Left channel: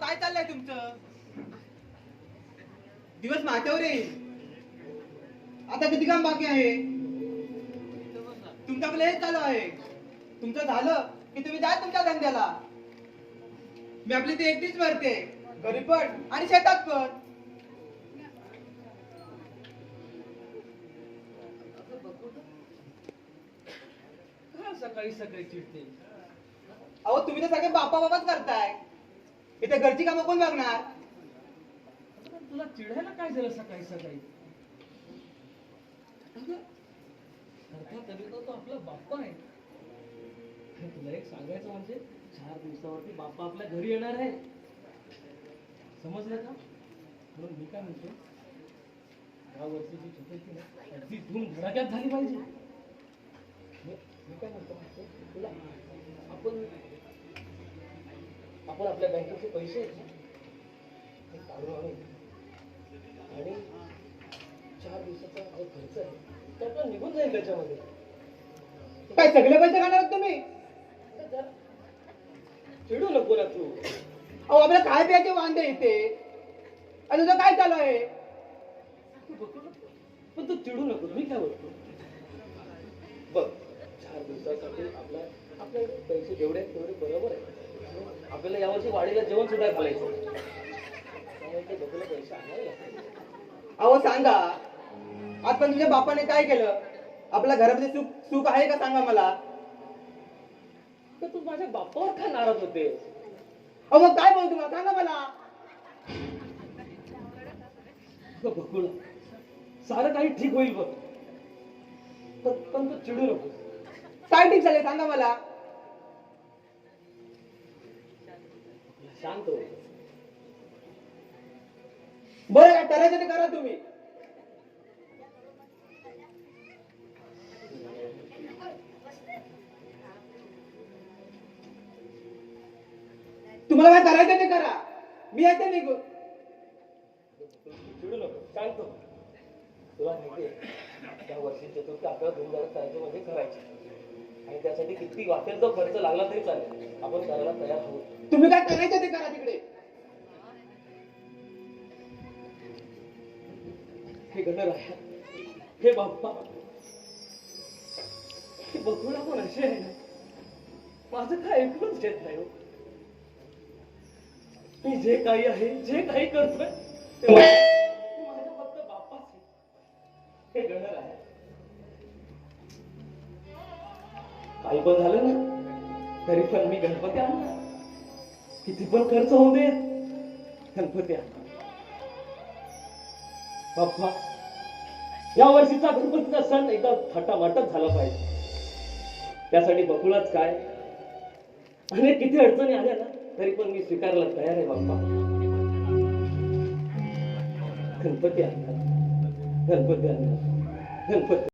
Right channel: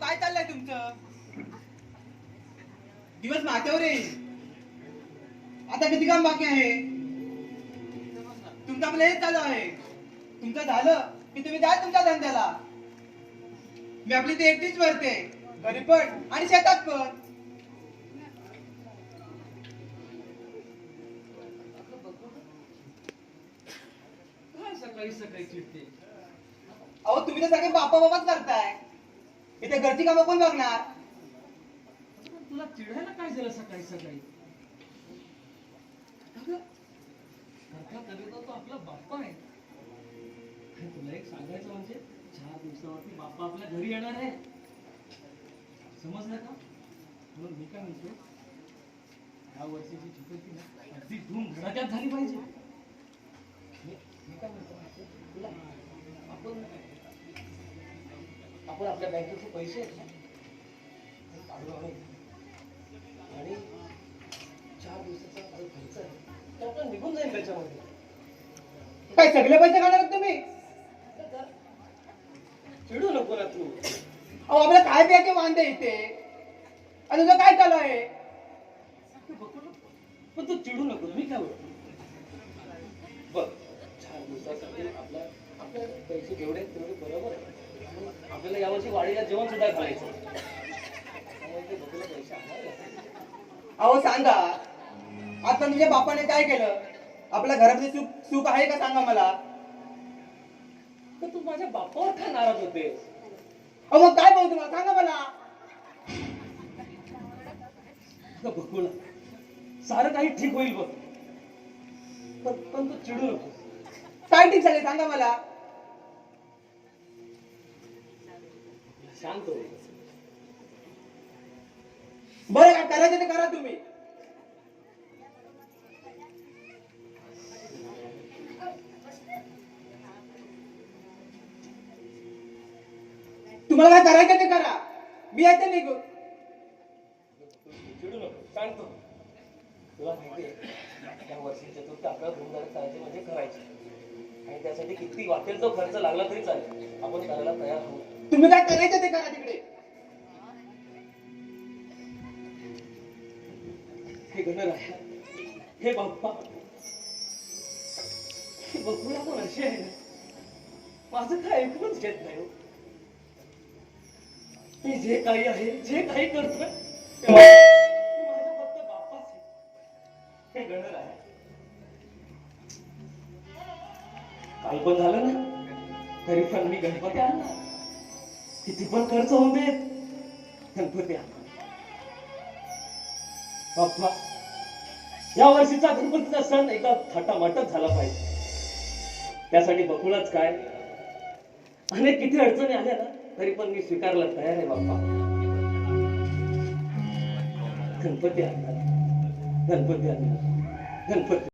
काय चाललंय तुमचं? दिवस माझ्यावर येईल. आता किती काम बाकी आहे? तुमचं आपलं हेच चालू आहे. तुमचं झालं की तुम्ही जा तुमच्या धंद्याला. मी आपली ती एकटीच भरते. घरी पण आणि शेतात पण. सकाळी सकाळी चिडते अहो तुम्ही तर सगळे बापा बाबाच करताय. इथे घरची कामं कोण बघणार? तुला चिडायला काय झालं सकाळी सकाळी? अगं, कविता तो आपला बाप्पा आहे. तुला एक सांगायचं म्हणजे चार दिवसावरती बाप्पा आपल्या घरी येणार आहे. समजलं का? म्हणून मी काय म्हणतो दहा वर्षाची चतुर्थी ना अगदी धूम धडाक्यात झाली पाहिजे. मी काय म्हणतो तुला आपण आपल्या बँकेचे पैसे आहेत ना, ते काढून आणू. आणि चार दिवसाचा जो खर्च आहे तो निघून जाईल त्याच्यामध्ये. काय सगळे पैसे काढणार आहात तुम्ही? चिडू नको ना तू. अहो आपल्याला काय प्यायचे वांदे इथे? आणि तुझं काय चालू आहे. पण तू चिडू नको मी काय बोलतो? बघ चार दिवसासाठी आपल्या आपले पैसे जेवढे तेवढे बरोबर आहे आपल्याला यावर्षी वाडीला जेवण सुद्धा घालायचं अहो सांगा. आता तुझ्या बापाने काय केलं? आपल्या घरामध्ये सुख सुख आहे का सांगा मला? तर तू माझ्या बापावर का नाराज होते? अहो मग काय बोलतो तुला सांगा मला. बघूला सारं काही ठीक होईल बघ. पण तू चिडू नको काय ठीक झाले सांगा मला. शांत बरं काय करायचं ते करा तुम्ही. तुम्हाला काय करायचं ते करा. मी येते निघून. चिडू नको सांगतो हो. तुला माहिती आहे त्या वर्षी चतुर्थी आपल्याला धुमधाम करायची म्हणजे करायची. आणि त्यासाठी किती वाटेल तो खर्च लागला तरी चालेल. आपण करायला तयार होऊ तुम्ही काय करायचं ते करा तिकडे. हे गणराया हे बाप्पा. बघूला पण अशी आहे ना? माझं काय ऐकूनच घेत नाही हो. मी जे काही आहे जे काही करतोय ते माझा फक्त बाप्पाच आहे. हे काल पण झालं ना? तरी पण मी गणपती आणला किती पण खर्च होऊ दे. गणपती बाप्पा. या वर्षीचा गणपतीचा सण एका थाटामाटात झाला पाहिजे. त्यासाठी बघूनच काय? अनेक किती अडचणी आल्या ना तरी पण मी स्वीकारला तयार आहे बाप्पा. गणपती आणणार. गणपती आणणार. गणपती